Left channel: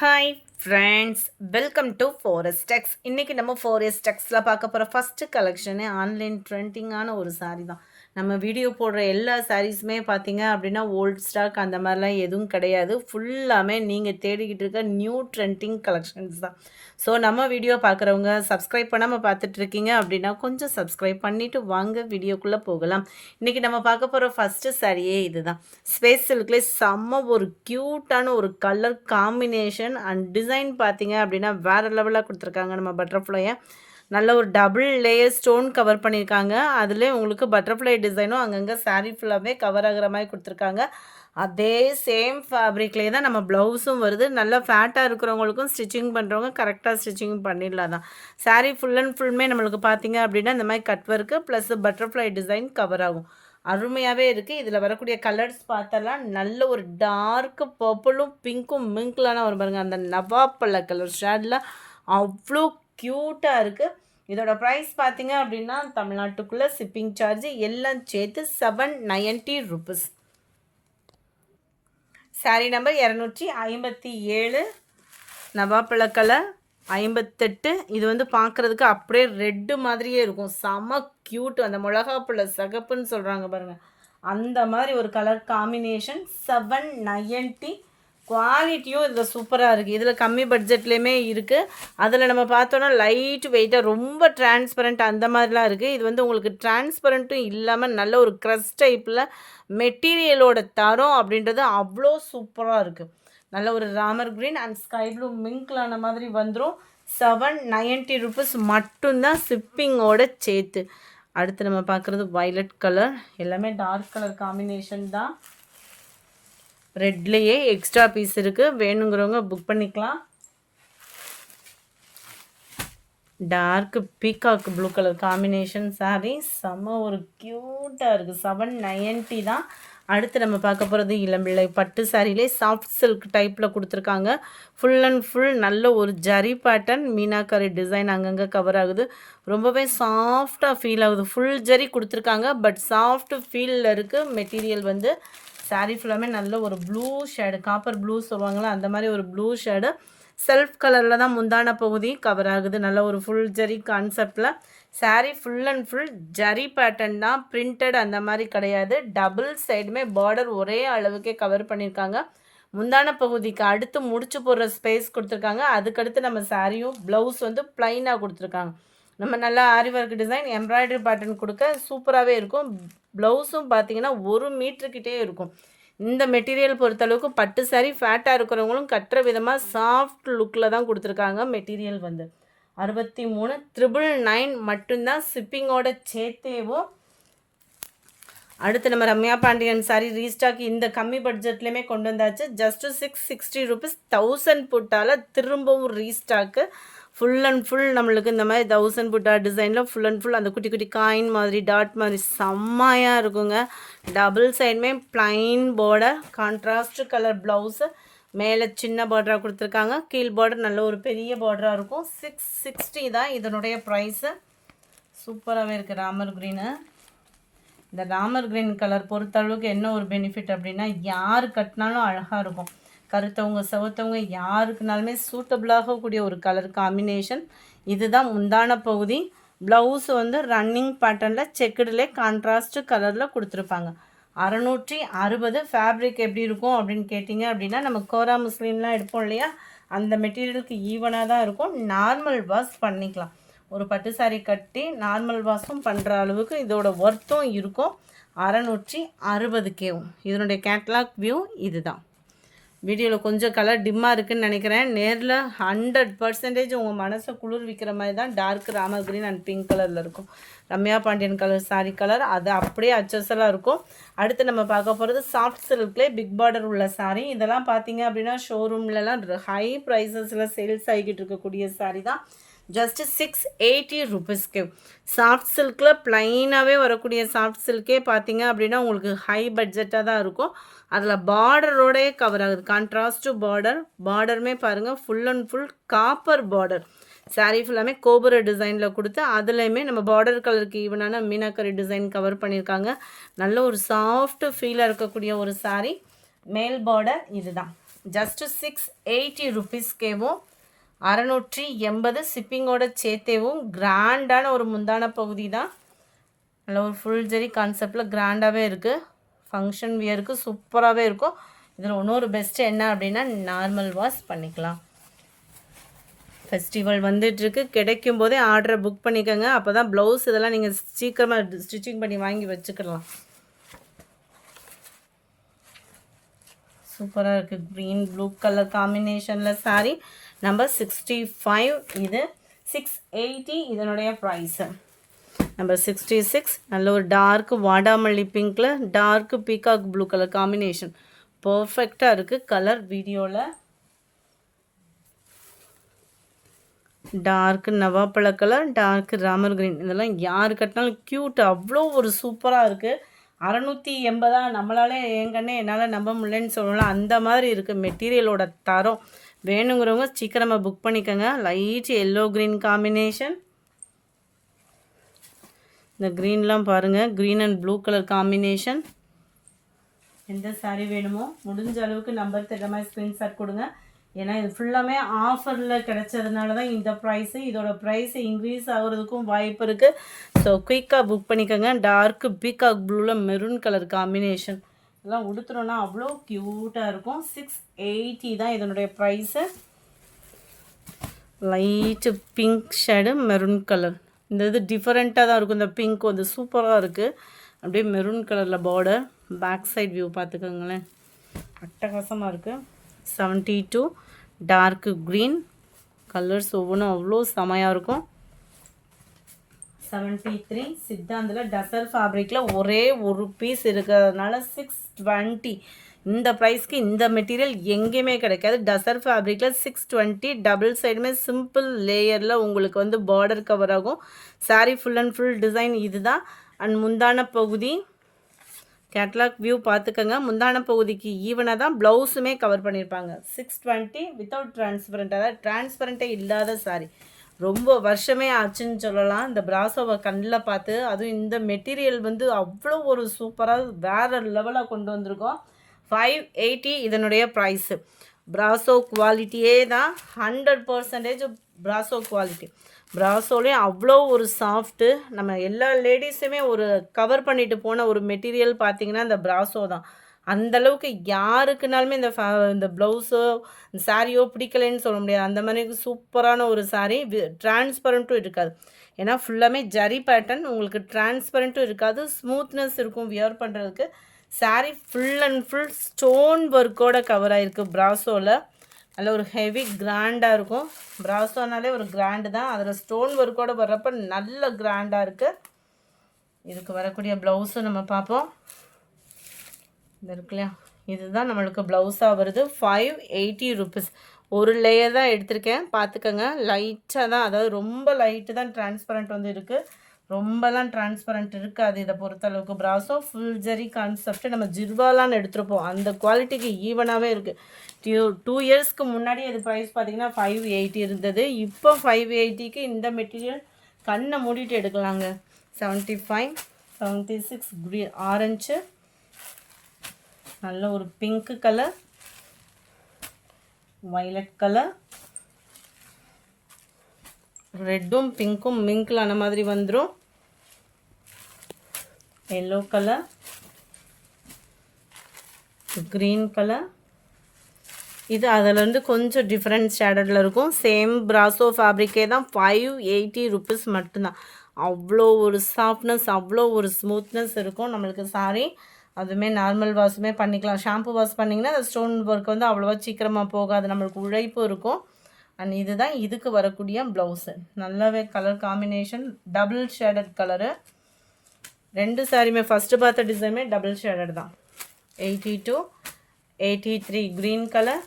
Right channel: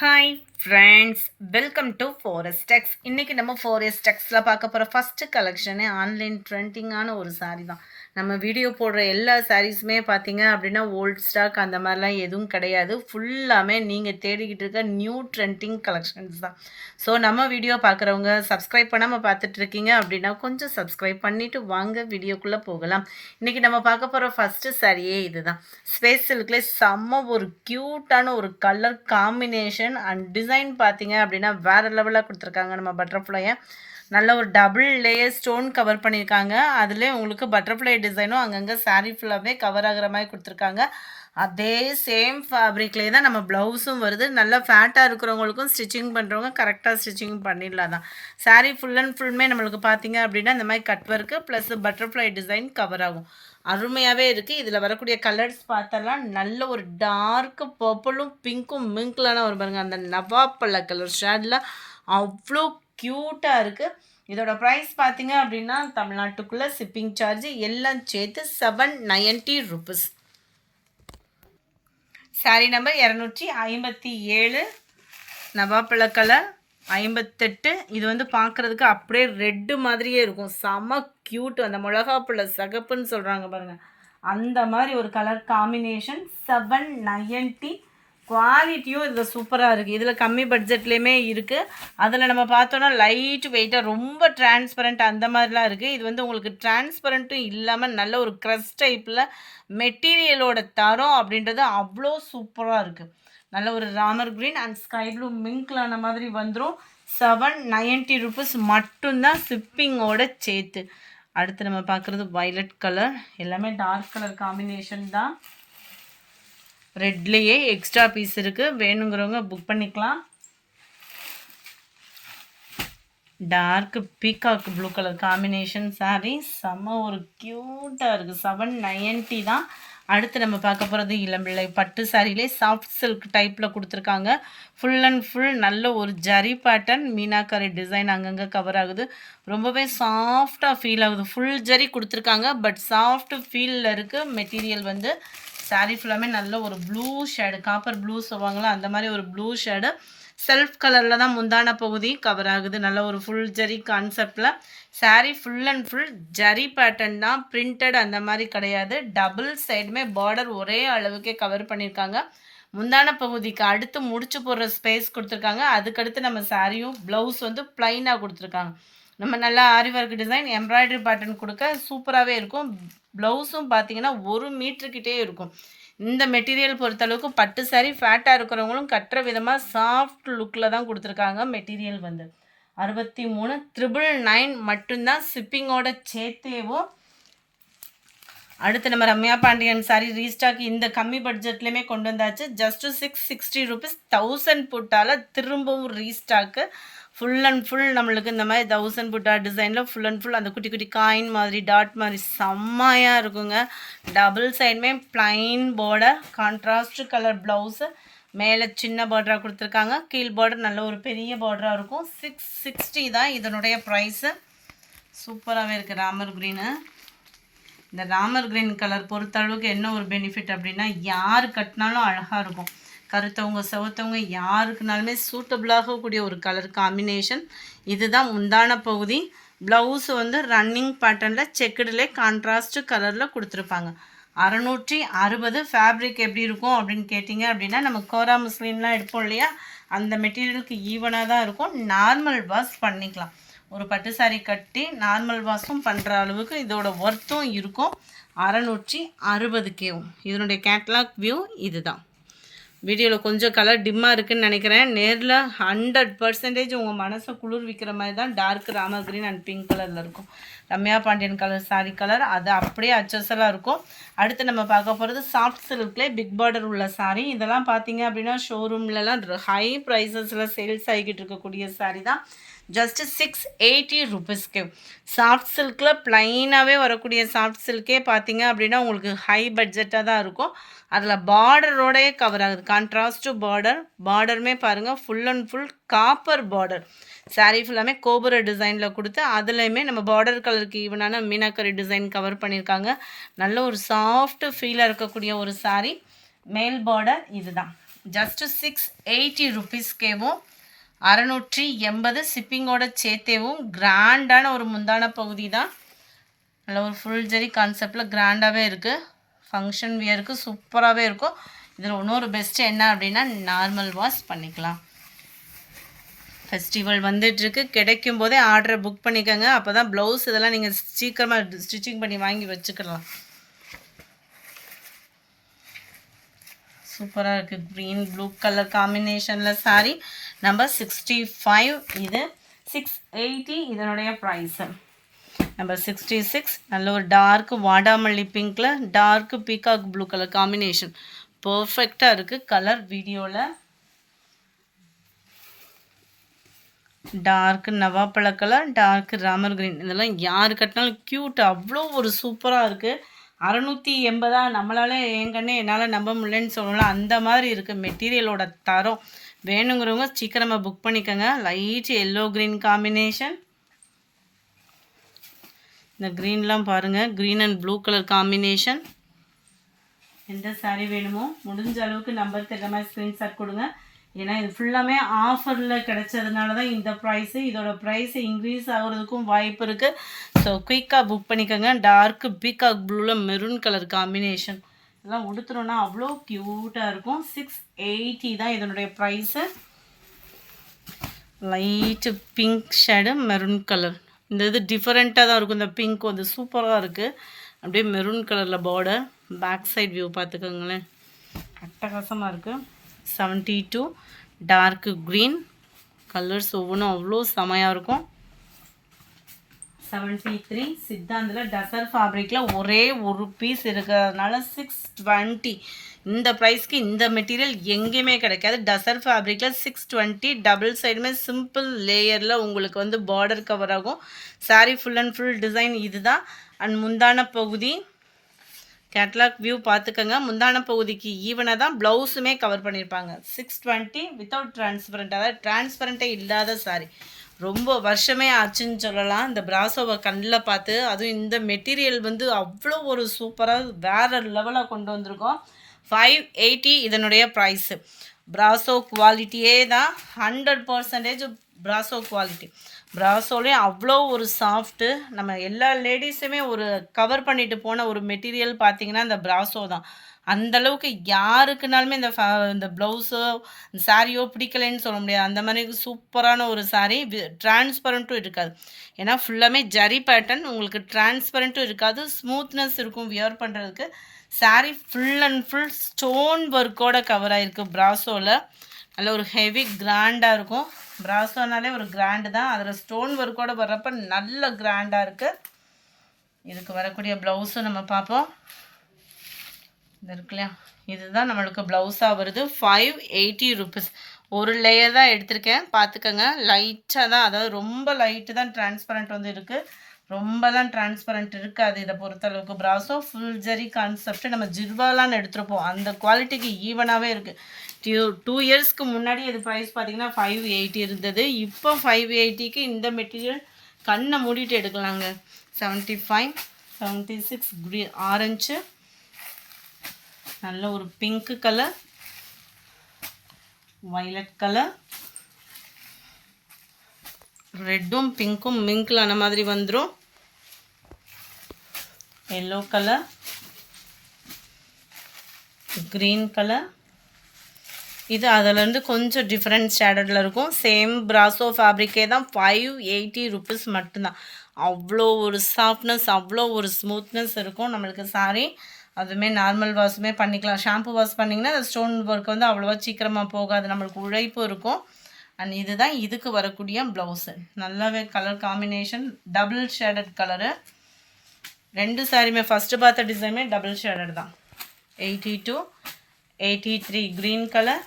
Hi friends, welcome to forest tex. இன்றைக்கி நம்ம forest டெக்ஸில் பார்க்க போகிற ஃபஸ்ட்டு கலெக்ஷனே ஆன்லைன் ட்ரெண்டிங்கான ஒரு சாரீ தான். நம்ம வீடியோ போடுற எல்லா சாரீஸுமே பார்த்தீங்க அப்படின்னா ஓல்ட் ஸ்டாக் அந்த மாதிரிலாம் எதுவும் கிடையாது. ஃபுல்லாமே நீங்கள் தேடிக்கிட்டு இருக்க நியூ ட்ரெண்டிங் கலெக்ஷன்ஸ் தான். ஸோ நம்ம வீடியோ பார்க்குறவங்க சப்ஸ்கிரைப் பண்ணாமல் பார்த்துட்ருக்கீங்க அப்படின்னா கொஞ்சம் சப்ஸ்கிரைப் பண்ணிவிட்டு வாங்க வீடியோக்குள்ளே போகலாம். இன்றைக்கி நம்ம பார்க்க போகிற ஃபஸ்ட்டு சாரியே இது தான். ஸ்பேஸ் சில்க்லேயே செம்ம ஒரு க்யூட்டான ஒரு கலர் காம்பினேஷன் அண்ட் டிசைன் பார்த்தீங்க அப்படின்னா வேறு லெவலில் கொடுத்துருக்காங்க. நம்ம பட்டர்ஃப்ளையை நல்ல ஒரு டபுள் லேயர் ஸ்டோன் கவர் பண்ணியிருக்காங்க. அதிலே உங்களுக்கு பட்டர்ஃப்ளை டிசைனும் அங்கங்கே சாரீ ஃபுல்லாகவே கவர் ஆகிற மாதிரி கொடுத்துருக்காங்க. அதே சேம் ஃபேப்ரிக்லேயே தான் நம்ம ப்ளவுஸும் வருது. நல்லா ஃபேட்டாக இருக்கிறவங்களுக்கும் ஸ்டிச்சிங் பண்ணுறவங்க கரெக்டாக ஸ்டிச்சிங் பண்ணிடலாம் தான். சாரீ ஃபுல் அண்ட் ஃபுல்லுமே நம்மளுக்கு பார்த்தீங்க அப்படின்னா இந்த மாதிரி cut work plus butterfly design cover ஆகும். அருமையாகவே இருக்குது. இதில் வரக்கூடிய கலர்ஸ் பார்த்தலாம் நல்ல ஒரு டார்க்கு பர்பிளும் பிங்க்கும் மிங்க்லான ஒரு பாருங்கள், அந்த நவாப்பழ கலர் ஷேடில் அவ்வளோ க்யூட்டாக இருக்குது. இதோட ப்ரைஸ் பார்த்தீங்க அப்படின்னா தமிழ்நாட்டுக்குள்ளே ஷிப்பிங் சார்ஜ் எல்லாம் சேர்த்து 790 rupees. சாரீ நம்பர் 257, நவாப்பழ கலர் 58. இது வந்து பார்க்குறதுக்கு அப்படியே ரெட்டு மாதிரியே இருக்கும். செம க்யூட். அந்த மிளகாப்புள்ள சகப்புன்னு சொல்கிறாங்க பாருங்கள், அந்த மாதிரி ஒரு கலர் காம்பினேஷன். 790. குவாலிட்டியும் இதில் சூப்பராக இருக்குது. இதில் கம்மி பட்ஜெட்லேயுமே இருக்குது. அதில் நம்ம பார்த்தோன்னா லைட் வெயிட்டாக ரொம்ப டிரான்ஸ்பரண்ட் அந்த மாதிரிலாம் இருக்குது. இது வந்து உங்களுக்கு டிரான்ஸ்பரண்ட்டும் இல்லாமல் நல்ல ஒரு க்ரஷ் டைப்பில் மெட்டீரியலோட தரம் அப்படின்றது அவ்வளோ சூப்பராக இருக்குது. நல்ல ஒரு Ramar green and sky blue மிங்க்லான மாதிரி வந்துடும். 790 rupees மட்டும்தான் ஷிப்பிங்கோட சேர்த்து. அடுத்து நம்ம பார்க்குறது வயலட் கலர். எல்லாமே டார்க் கலர் காம்பினேஷன் தான். ரெட்லேயே எக்ஸ்ட்ரா பீஸ் இருக்குது, வேணுங்கிறவங்க புக் பண்ணிக்கலாம். Dark peacock blue colour combination sari செம்ம ஒரு க்யூட்டாக இருக்குது. 790 தான். அடுத்து நம்ம பார்க்க போகிறது இளம்பிள்ளை பட்டு சாரிலே சாஃப்ட் சில்க் டைப்பில் கொடுத்துருக்காங்க. ஃபுல் அண்ட் ஃபுல் நல்ல ஒரு ஜரி பேட்டர்ன் மீனாக்கரி டிசைன் அங்கங்கே கவர் ஆகுது. ரொம்பவே சாஃப்டாக ஃபீல் ஆகுது. ஃபுல் ஜரி கொடுத்துருக்காங்க, பட் சாஃப்ட் ஃபீலில் இருக்குது. மெட்டீரியல் வந்து சாரீ ஃபுல்லாமே நல்ல ஒரு ப்ளூ ஷேடு, காப்பர் ப்ளூ சொல்லுவாங்களா அந்த மாதிரி ஒரு ப்ளூ ஷேடு. செல்ஃப் கலரில் தான் முந்தான பகுதி கவர் ஆகுது. நல்ல ஒரு ஃபுல் ஜரி கான்செப்டில் sari full and full zari pattern தான், பிரிண்டட் அந்த மாதிரி கிடையாது. டபுள் சைடுமே பார்டர் ஒரே அளவுக்கே கவர் பண்ணியிருக்காங்க. முந்தான பகுதிக்கு அடுத்து முடிச்சு போடுற ஸ்பேஸ் கொடுத்துருக்காங்க. அதுக்கடுத்து நம்ம சாரியும் ப்ளவுஸ் வந்து ப்ளைனாக கொடுத்துருக்காங்க. நம்ம நல்லா ஆரி ஒர்க் டிசைன் எம்ப்ராய்டரி பேட்டர்ன் கொடுக்க சூப்பராகவே இருக்கும். ப்ளவுஸும் பார்த்தீங்கன்னா 1 மீட்டருக்கிட்டே இருக்கும். இந்த மெட்டீரியல் பொறுத்தளவுக்கு பட்டு சாரீ ஃபேட்டாக இருக்கிறவங்களும் கட்டுற விதமாக சாஃப்ட் லுக்கில் தான் கொடுத்துருக்காங்க. மெட்டீரியல் வந்து 63,999 மட்டும்தான் ஷிப்பிங்கோட சேர்த்தேவும். அடுத்து நம்ம ரம்யா பாண்டியன் சாரீ ரீஸ்டாக் இந்த கம்மி பட்ஜெட்லேயுமே கொண்டு வந்தாச்சு. ஜஸ்ட்டு 660 rupees 1000 புட்டால் திரும்பவும் ரீஸ்டாக்கு. ஃபுல் அண்ட் ஃபுல் நம்மளுக்கு இந்த மாதிரி 1000 புட்டா டிசைனில் ஃபுல் அண்ட் ஃபுல் அந்த குட்டி குட்டி காயின் மாதிரி டாட் மாதிரி செம்மையாக இருக்குங்க. டபுள் சைடுமே plain border, contrast colour blouse, மேலே சின்ன பார்டராக கொடுத்துருக்காங்க. கீழ் பார்டர் நல்ல ஒரு பெரிய பார்டராக இருக்கும். 660 தான் இதனுடைய ப்ரைஸு. சூப்பராகவே இருக்குது. ராமர் க்ரீனு, இந்த ராமர் கிரீன் கலர் பொறுத்தளவுக்கு என்ன ஒரு பெனிஃபிட் அப்படின்னா யார் கட்டினாலும் அழகாக இருக்கும். கருத்தவங்க செவத்தவங்க யாருக்குனாலுமே சூட்டபிளாகக்கூடிய ஒரு கலர் காம்பினேஷன். இதுதான் முந்தான பகுதி. ப்ளவுஸ் வந்து ரன்னிங் பேட்டர்னில் செக்குடிலே கான்ட்ராஸ்ட் கலரில் கொடுத்துருப்பாங்க. 660. ஃபேப்ரிக் எப்படி இருக்கும் அப்படின்னு கேட்டிங்க அப்படின்னா நம்ம கோரா முஸ்லீம்லாம் எடுப்போம் இல்லையா, அந்த மெட்டீரியலுக்கு ஈவனாக தான் இருக்கும். நார்மல் வாஷ் பண்ணிக்கலாம். ஒரு பட்டு சாரீ கட்டி நார்மல் வாஷும் பண்ணுற அளவுக்கு இதோட ஒர்த்தும் இருக்கும். 660K. இதனுடைய கேட்லாக் வியூ இது தான். வீடியோவில் கொஞ்சம் கலர் டிம்மாக இருக்குதுன்னு நினைக்கிறேன். நேரில் 100% உங்கள் மனசை குளிர்விக்கிற மாதிரி தான் dark Ramar green and pink கலரில் இருக்கும். ரம்யா பாண்டியன் கலர் சாரீ கலர் அது அப்படியே அச்சஸலாக இருக்கும். அடுத்து நம்ம பார்க்க போகிறது சாஃப்ட் சில்க்லேயே பிக் பார்டர் உள்ள சாரீ. இதெல்லாம் பார்த்தீங்க அப்படின்னா ஷோரூம்லலாம் ஹை ப்ரைஸஸில் சேல்ஸ் ஆகிக்கிட்டு இருக்கக்கூடிய சாரீ தான். ஜஸ்ட்டு 680 rupeesக்கு. சாஃப்ட் சில்கில் ப்ளைனாகவே வரக்கூடிய சாஃப்ட் சில்கே பார்த்தீங்க அப்படின்னா உங்களுக்கு ஹை பட்ஜெட்டாக தான் இருக்கும். அதில் பார்டரோடையே கவர் ஆகுது. கான்ட்ராஸ்ட்டு பார்டர், பார்டருமே பாருங்கள் full and full copper border. Sari ஃபுல்லாமே கோபுர டிசைனில் கொடுத்து அதுலேயுமே நம்ம பார்டர் கலருக்கு ஈவனான மீனாக்கரி டிசைன் கவர் பண்ணியிருக்காங்க. நல்ல ஒரு சாஃப்ட் ஃபீலாக இருக்கக்கூடிய ஒரு சாரீ. மேல் பார்டர் இது தான். ஜஸ்ட்டு 680 ருபீஸ்க்கேவும் 680 ஷிப்பிங்கோட சேர்த்தேவும் கிராண்டான ஒரு முந்தான பகுதி தான். நல்ல ஒரு ஃபுல் ஜெரி கான்செப்டில் கிராண்டாகவே இருக்குது. ஃபங்க்ஷன் வியருக்கு சூப்பராகவே இருக்கும். இதில் இன்னொரு பெஸ்ட்டு என்ன அப்படின்னா நார்மல் வாஷ் பண்ணிக்கலாம். ஃபெஸ்டிவல் வந்துட்டுருக்கு, கிடைக்கும் போதே ஆர்டரை புக் பண்ணிக்கோங்க. அப்போ தான் ப்ளவுஸ் இதெல்லாம் நீங்கள் சீக்கிரமாக ஸ்டிச்சிங் பண்ணி வாங்கி வச்சுக்கலாம். சூப்பராக இருக்குது. க்ரீன் ப்ளூ கலர் காம்பினேஷனில் சாரீ நம்பர் 65. இது 680 இதனுடைய ப்ரைஸு. நம்பர் 66 நல்ல ஒரு டார்க்கு வாடாமல்லி பிங்க்கில் dark peacock blue colour combination பர்ஃபெக்டாக இருக்குது. கலர் வீடியோவில் டார்க்கு நவாப்பழ கலர், டார்க்கு ராமர் கிரீன், இதெல்லாம் யார் கட்டினாலும் க்யூட், அவ்வளோ ஒரு சூப்பராக இருக்குது. 680 நம்மளால எங்கன்னே என்னால் நம்ப முடியலன்னு சொல்லலாம். அந்த மாதிரி இருக்குது மெட்டீரியலோட தரம். வேணுங்கிறவங்க சீக்கிரமாக புக் பண்ணிக்கோங்க. Light yellow green combination. இந்த க்ரீன்லாம் பாருங்கள், green and blue colour combination. எந்த சாரீ வேணுமோ முடிஞ்ச அளவுக்கு நம்பர் தர மாதிரி ஸ்க்ரீன்ஷாட் கொடுங்க. ஏன்னா இது ஃபுல்லாமே ஆஃபரில் கிடச்சதுனால தான் இந்த ப்ரைஸு. இதோட ப்ரைஸ் இன்க்ரீஸ் ஆகிறதுக்கும் வாய்ப்பு இருக்குது. ஸோ குயிக்காக புக் பண்ணிக்கோங்க. டார்க்கு பீகாக் ப்ளூவில் மெரூன் கலர் காம்பினேஷன் இதெல்லாம் உடுத்துறோன்னா அவ்வளோ க்யூட்டாக இருக்கும். 680 தான் இதனுடைய price. Light pink shade maroon colour. இந்த இது டிஃப்ரெண்ட்டாக தான் இருக்கும். இந்த பிங்க் வந்து சூப்பராக இருக்குது. அப்படியே மெரூன் கலரில் பார்டர். பேக் சைட் வியூ பார்த்துக்கோங்களேன், அட்டகாசமாக இருக்குது. 72 டார்க்கு க்ரீன் கலர்ஸ் ஒவ்வொன்றும் அவ்வளோ செமையாக இருக்கும். 73 சித்தாந்தில் டசர் ஃபேப்ரிக்கில் ஒரே ஒரு பீஸ் இருக்கிறதுனால 620. இந்த ப்ரைஸ்க்கு இந்த மெட்டீரியல் எங்கேயுமே கிடைக்காது. டசர் ஃபேப்ரிக்கில் 620. டபுள் சைடுமே சிம்பிள் லேயரில் உங்களுக்கு வந்து பார்டர் கவர் ஆகும். Sari full and full design இது தான். அண்ட் முந்தான பகுதி கேட்லாக் வியூ பார்த்துக்கோங்க. முந்தான பகுதிக்கு ஈவனாக தான் ப்ளவுஸுமே கவர் பண்ணியிருப்பாங்க. 620 வித்தவுட் டிரான்ஸ்பரண்ட், அதாவது டிரான்ஸ்பரண்ட்டே இல்லாத சாரீ. ரொம்ப வருஷமே ஆச்சுன்னு சொல்லலாம் இந்த பிராசோவை கண்ணில் பார்த்து. அதுவும் இந்த மெட்டீரியல் வந்து அவ்வளோ ஒரு சூப்பராக வேறு லெவலாக கொண்டு வந்திருக்கோம். 580 இதனுடைய ப்ரைஸு. பிராசோ குவாலிட்டியே தான், 100% பிராசோ குவாலிட்டி. பிராசோலேயும் அவ்வளோ ஒரு சாஃப்ட்டு. நம்ம எல்லா லேடிஸுமே ஒரு கவர் பண்ணிட்டு போன ஒரு மெட்டீரியல் பார்த்திங்கன்னா இந்த பிராசோ தான். அந்தளவுக்கு யாருக்குனாலுமே இந்த ப்ளவுஸோ சாரியோ பிடிக்கலைன்னு சொல்ல முடியாது. அந்த மாதிரி சூப்பரான ஒரு சாரீ. டிரான்ஸ்பரண்ட்டும் இருக்காது, ஏன்னா ஃபுல்லாமே ஜரி பேட்டர்ன். உங்களுக்கு டிரான்ஸ்பரண்ட்டும் இருக்காது, ஸ்மூத்னஸ் இருக்கும் வியர் பண்ணுறதுக்கு. Sari full and full stone ஒர்க்கோடு கவர் ஆகிருக்கு பிராசோவில். நல்ல ஒரு ஹெவி கிராண்டாக இருக்கும். பிராசோனாலே ஒரு கிராண்டு தான், அதில் ஸ்டோன் ஒர்க்கோடு வர்றப்ப நல்ல கிராண்டாக இருக்குது. இதுக்கு வரக்கூடிய ப்ளவுஸும் நம்ம பார்ப்போம். இது இருக்கு இல்லையா, இதுதான் நம்மளுக்கு ப்ளவுஸாக வருது. 580 ருபீஸ். ஒரு லேயர் தான் எடுத்திருக்கேன், பார்த்துக்கோங்க. லைட்டாக தான், அதாவது ரொம்ப லைட்டு தான் டிரான்ஸ்பரண்ட் வந்து இருக்குது. ரொம்பலாம் டிரான்ஸ்பரண்ட் இருக்காது இதை பொறுத்தளவுக்கு. பிராசோ ஃபுல் ஜரி கான்செப்ட் நம்ம ஜிர்வாலான்னு எடுத்துருப்போம், அந்த குவாலிட்டிக்கு ஈவனாகவே இருக்குது. 2 இயர்ஸ்க்கு முன்னாடி இது ப்ரைஸ் பார்த்திங்கன்னா 580 இருந்தது. இப்போ 580க்கு இந்த மெட்டீரியல் கண்ணை மூடிட்டு எடுக்கலாங்க. 75 76 க்ரீன் ஆரஞ்சு, நல்ல ஒரு பிங்க் கலர், வயலட் கலர், ரெட்டும் பிங்க்கும் மிங்கிளான மாதிரி வந்துடும். Yellow colour, green colour. இது அதிலேருந்து கொஞ்சம் டிஃப்ரெண்ட் ஷேடடில் இருக்கும். சேம் பிராசோ ஃபேப்ரிக்கே தான். 580 ருபீஸ் மட்டும்தான். அவ்வளோ ஒரு சாஃப்ட்னஸ், அவ்வளோ ஒரு ஸ்மூத்னஸ் இருக்கும் நம்மளுக்கு சாரீ. அதுவுமே நார்மல் வாஷுமே பண்ணிக்கலாம். ஷாம்பு வாஷ் பண்ணிங்கன்னா ஸ்டோன் ஒர்க் வந்து அவ்வளோவா சீக்கிரமாக போகாது, நம்மளுக்கு உழைப்பு இருக்கும். அண்ட் இதுதான் இதுக்கு வரக்கூடிய ப்ளவுஸு. நல்லாவே colour combination, double shaded colour. ரெண்டு சாரியுமே ஃபஸ்ட்டு பார்த்த டிசைனுமே டபுள் ஷேடட் தான். 82 83 க்ரீன் கலர்,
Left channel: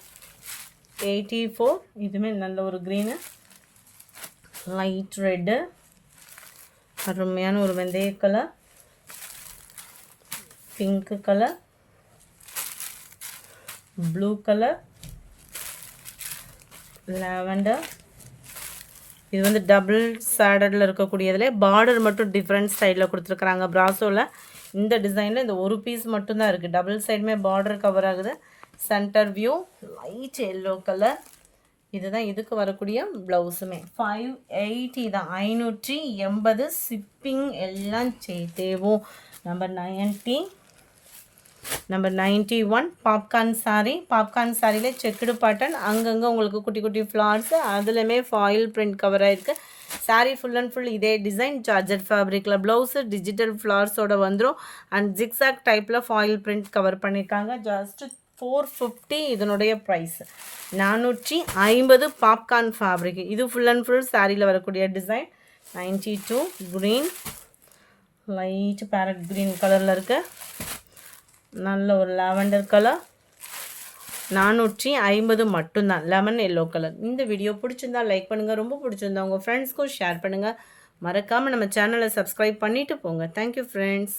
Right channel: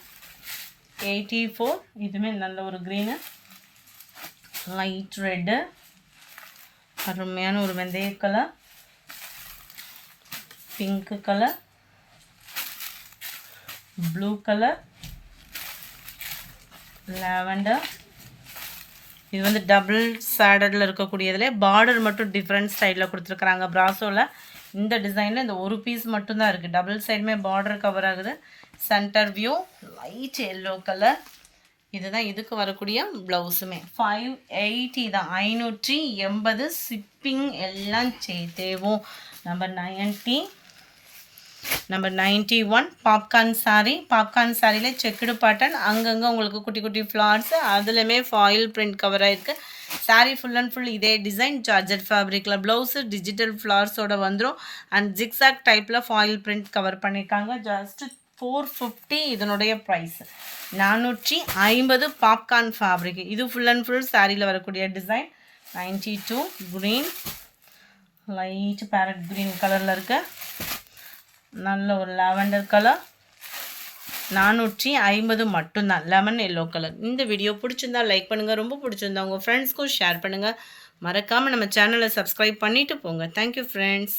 84 இதுவுமே நல்ல ஒரு க்ரீனு, லைட் ரெட்டு, அருமையான ஒரு வெந்தய colour, pink colour, blue colour, lavender. இது வந்து டபுள் ஷேடடில் இருக்கக்கூடியதில் பார்டர் மட்டும் டிஃப்ரெண்ட் ஸ்டைலில் கொடுத்துருக்குறாங்க பிராசோவில். இந்த டிசைனில் இந்த ஒரு பீஸ் மட்டும்தான் இருக்குது. டபுள் சைடுமே பார்டர் கவர் ஆகுது. Centre view light yellow colour. இதுதான் இதுக்கு வரக்கூடிய ப்ளவுஸுமே 580 தான், 580. ஷிப்பிங் எல்லாம் சேர்த்தேவும். Number 90, number 91 popcorn sari. Popcorn சாரியில் செக்குடு பேட்டர்ன், அங்கங்கே உங்களுக்கு குட்டி குட்டி ஃப்ளார்ஸு, அதுலேயுமே ஃபாயில் பிரிண்ட் கவராக இருக்குது. சாரீ ஃபுல் அண்ட் ஃபுல் இதே டிசைன் ஜார்ஜெட் ஃபேப்ரிக்கில். ப்ளவுஸு டிஜிட்டல் ஃப்ளார்ஸோட வந்துடும். அண்ட் ஜிக்ஸாக் டைப்பில் ஃபாயில் பிரிண்ட் கவர் பண்ணியிருக்காங்க. ஜஸ்ட் 450 இதனுடைய ப்ரைஸ். 450 popcorn fabric. இது ஃபுல் அண்ட் ஃபுல் சாரியில் வரக்கூடிய design. 92 green, light farad green கலரில் இருக்க நல்ல ஒரு லாவெண்டர் கலர். 450 மட்டும்தான். Lemon yellow colour. இந்த வீடியோ பிடிச்சிருந்தா லைக் பண்ணுங்கள், ரொம்ப பிடிச்சிருந்தா உங்கள் ஃப்ரெண்ட்ஸ்க்கும் ஷேர் பண்ணுங்கள். மறக்காமல் நம்ம சேனலை சப்ஸ்கிரைப் பண்ணிவிட்டு போங்க. Thank you friends.